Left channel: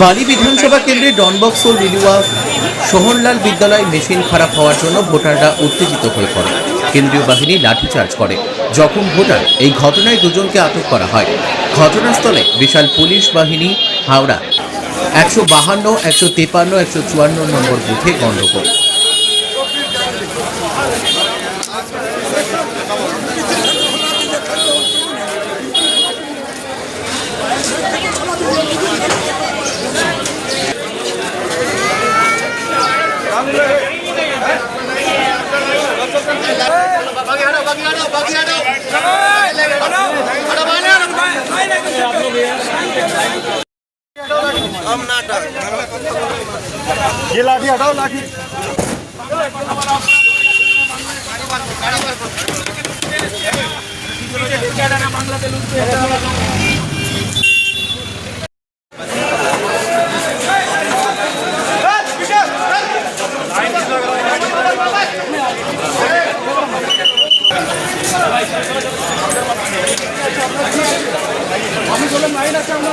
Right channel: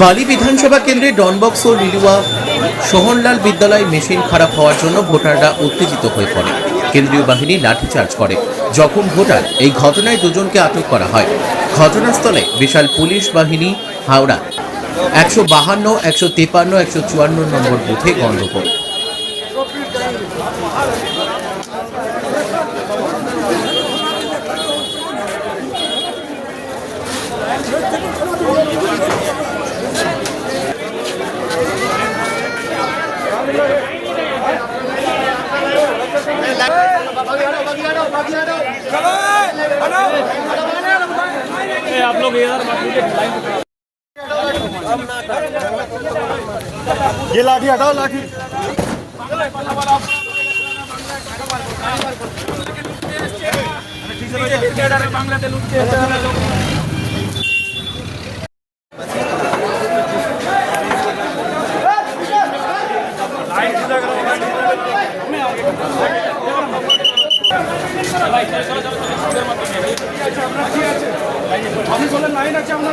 বালি বিধানসভা কেন্দ্রে ডনবক্স ও লিলুয়া সোহনলাল বিদ্যালয় মেশিন খারাপ হওয়ার জন্য ভোটাররা উত্তেজিত হয়ে পড়ে। কেন্দ্রীয় বাহিনী লাঠিচার্জ করে। জখম ভোটার। এই ঘটনায় দুজনকে আটক করা হয়। ঘটনাস্থলে বিশাল পুলিশ বাহিনী। হাওড়া 152, 153, 154 নম্বর বুথে গণ্ডগোল। ये लाठी हटाओ, लाठी बांग्लादेश আমি বললাম নাই না কেমন